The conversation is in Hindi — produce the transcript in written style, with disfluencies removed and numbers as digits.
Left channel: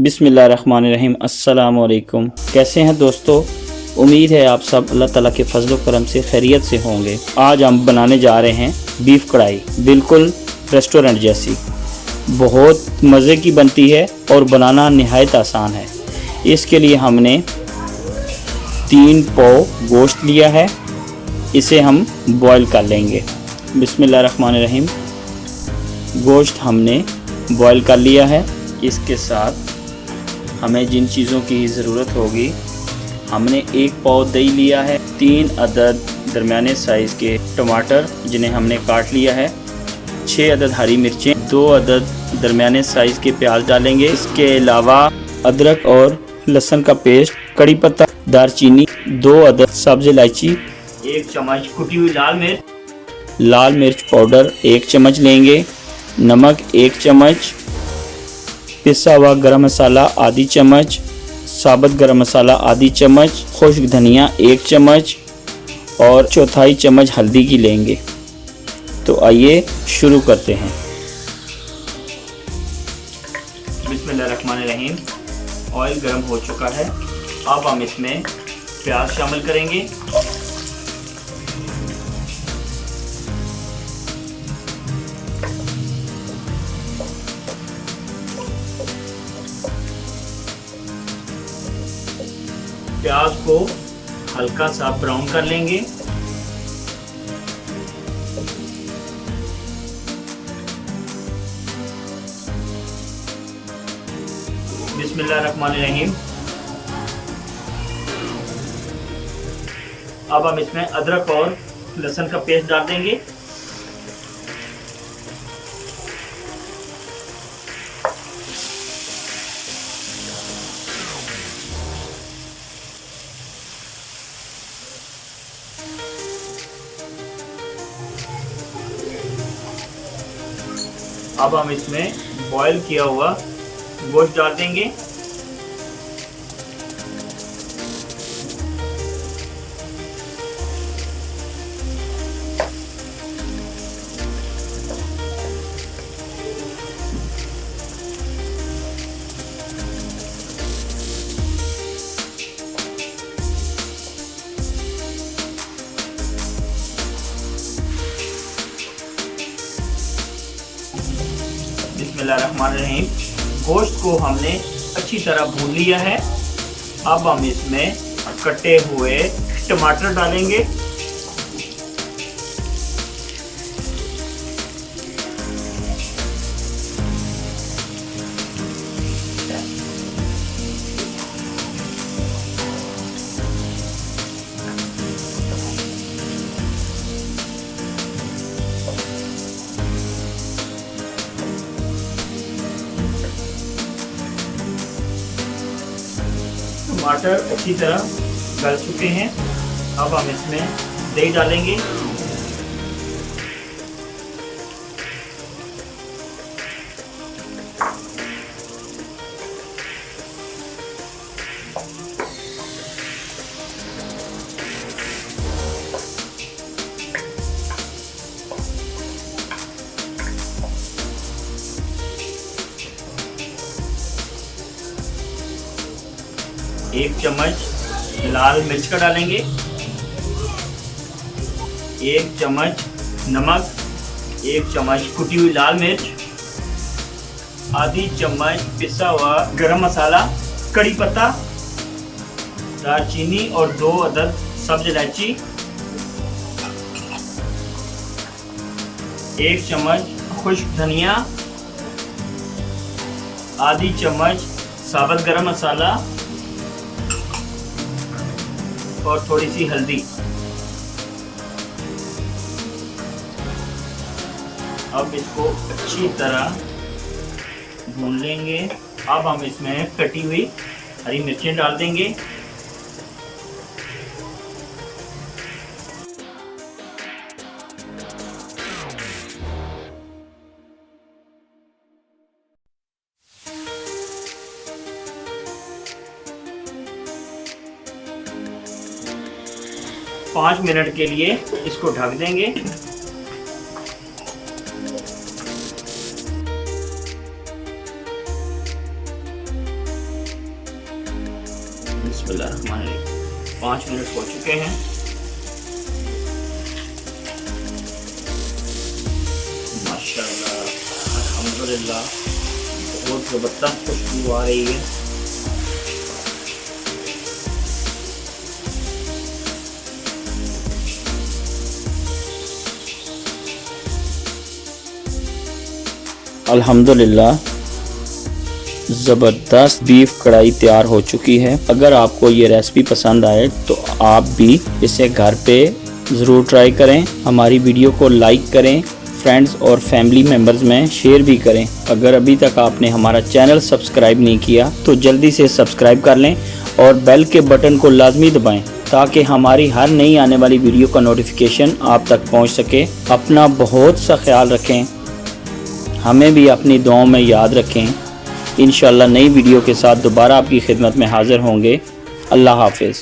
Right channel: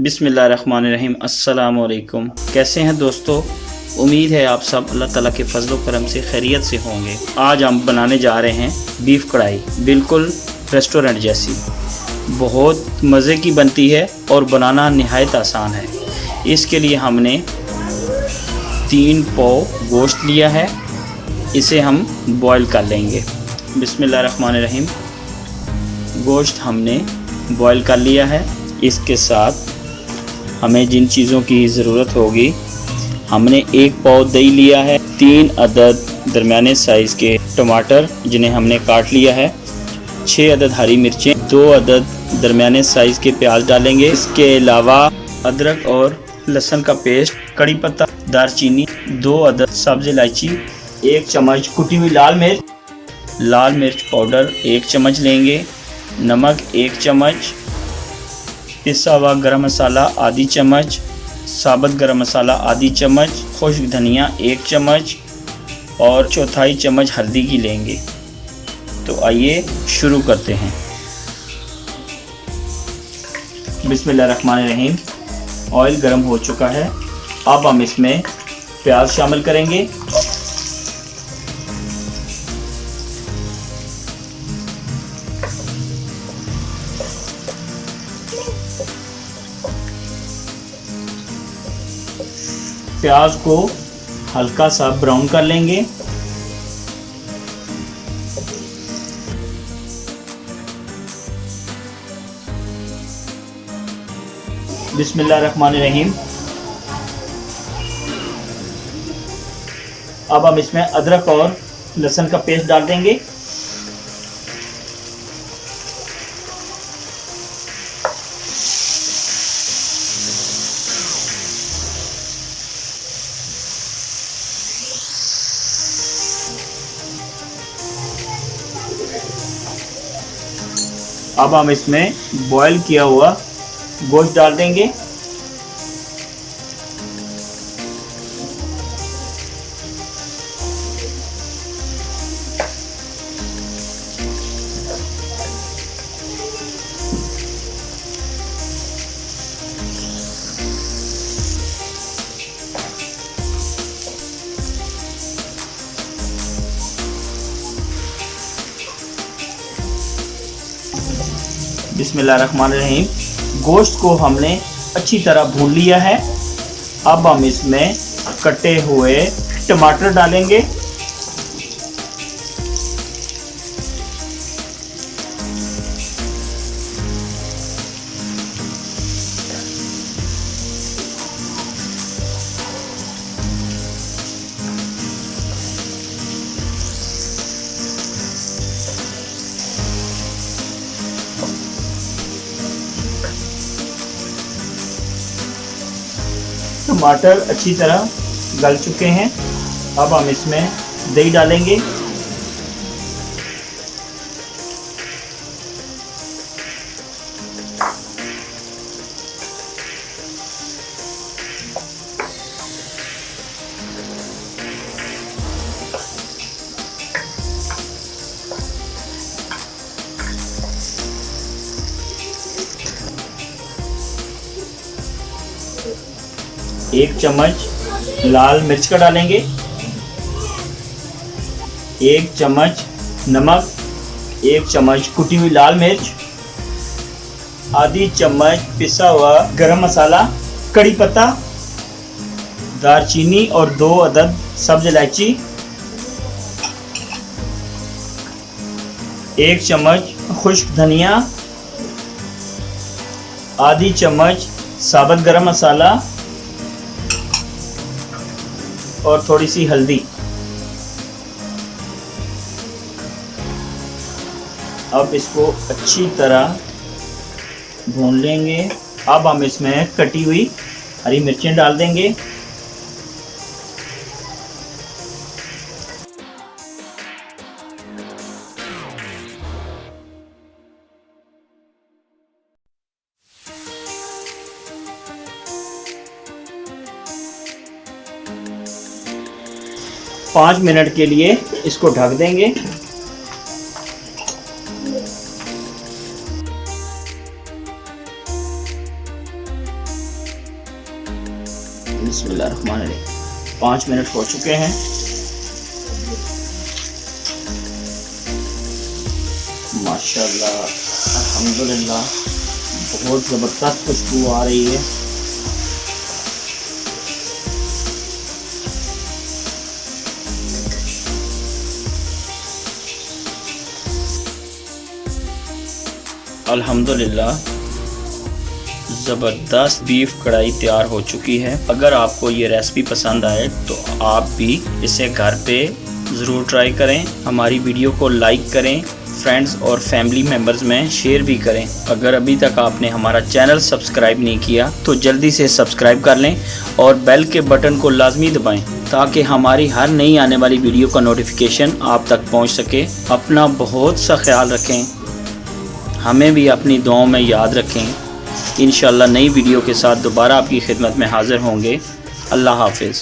बिस्मिल्लाहिर्रहमानिर्रहीम। अस्सलामु अलैकुम। कैसे हैं दोस्तों? उम्मीद है आप सब अल्लाह ताला के फजल करम से खैरियत से होंगे। आज हम बनाने जा रहे हैं बीफ कढ़ाई, बिल्कुल रेस्टोरेंट जैसी। बहुत मज़े की बनती है और बनाना नहायत आसान है। इसके लिए हमने 3 पाव गोश्त लिया है, इसे हम बॉईल कर लेंगे। बिस्मिल्लाहिर्रहमानिर्रहीम। गोश्त हमने बॉईल कर लिया है। इसके साथ हमें जिन चीज़ों की ज़रूरत होगी, हमने 1 पाव दही लिया है, 3 अदद दरमियाने साइज़ के टमाटर जिन्हें हमने काट लिया है, 6 अदद हरी मिर्चें, 2 अदद दरमियाने साइज़ के प्याज डालेंगे। इसके अलावा अदरक और लहसुन का पेस्ट, कड़ी पत्ता, दारचीनी, 2 अदद सब्ज़ इलायची, 1 चम्मच कुटी हुई लाल मिर्च पाउडर 1 चम्मच लेंगे, नमक 1 चम्मच, पिसा हुआ गरम मसाला आधी चम्मच, साबुत गरम मसाला आधी चम्मच, खुश्क धनिया 1 चम्मच और 1/4 चम्मच हल्दी की लेंगे। तो आइए शुरू करते हैं। बिस्मिल्लाहिर्रहमानिर्रहीम। ऑयल गर्म हो चुका है। अब हम इसमें प्याज शामिल करेंगे। प्याज को हल्का सा ब्राउन कर लेंगे। बिस्मिल्लाहिर्रहमानिर्रहीम। अब हम इसमें अदरक और लहसुन का पेस्ट डाल देंगे। अब हम इसमें बॉईल किया हुआ गोश्त डाल देंगे। बिस्मिल्लाहिर्रहमानिर्रहीम। गोश्त को हमने अच्छी तरह भून लिया है। अब हम इसमें कटे हुए टमाटर डालेंगे। टमाटर अच्छी तरह गल चुके हैं। अब हम इसमें दही डालेंगे। एक चम्मच लाल मिर्च का डालेंगे, 1 चम्मच नमक, 1 चम्मच कुटी हुई लाल मिर्च, आधी चम्मच पिसा हुआ गरम मसाला, कड़ी पत्ता, दारचीनी और 2 अदद सब्ज़ इलायची, 1 चम्मच खुश्क धनिया, आधी चम्मच साबुत गरम मसाला और थोड़ी सी हल्दी। अब इसको अच्छी तरह भून लेंगे। अब हम इसमें कटी हुई हरी मिर्चें डाल देंगे। पाँच मिनट के लिए इसको ढक देंगे। बिस्मिल्लाहिर्रहमानिर्रहीम। 5 मिनट हो चुके हैं। माशाल्लाह अल्हम्दुलिल्लाह बहुत ज़बरदस्त खुशबू आ रही है। अल्हम्दुलिल्लाह ज़बरदस्त बीफ कढ़ाई तैयार हो चुकी है। अगर आपको ये रेसिपी पसंद आए तो आप भी इसे घर पे ज़रूर ट्राई करें। हमारी वीडियो को लाइक करें, फ्रेंड्स और फैमिली मेम्बर्स में शेयर भी करें। अगर अभी तक आपने हमारा चैनल सब्सक्राइब नहीं किया तो जल्दी से सब्सक्राइब कर लें और बेल के बटन को लाजमी दबाएं ताकि हमारी हर नई आने वाली वीडियो का नोटिफिकेशन आप तक पहुंच सके। अपना बहुत सा ख्याल रखें, हमें भी अपनी दुआओं में याद रखें। इंशाल्लाह नई वीडियो के साथ दोबारा आपकी खिदमत में हाज़िर होंगे। अल्लाह हाफ़िज़।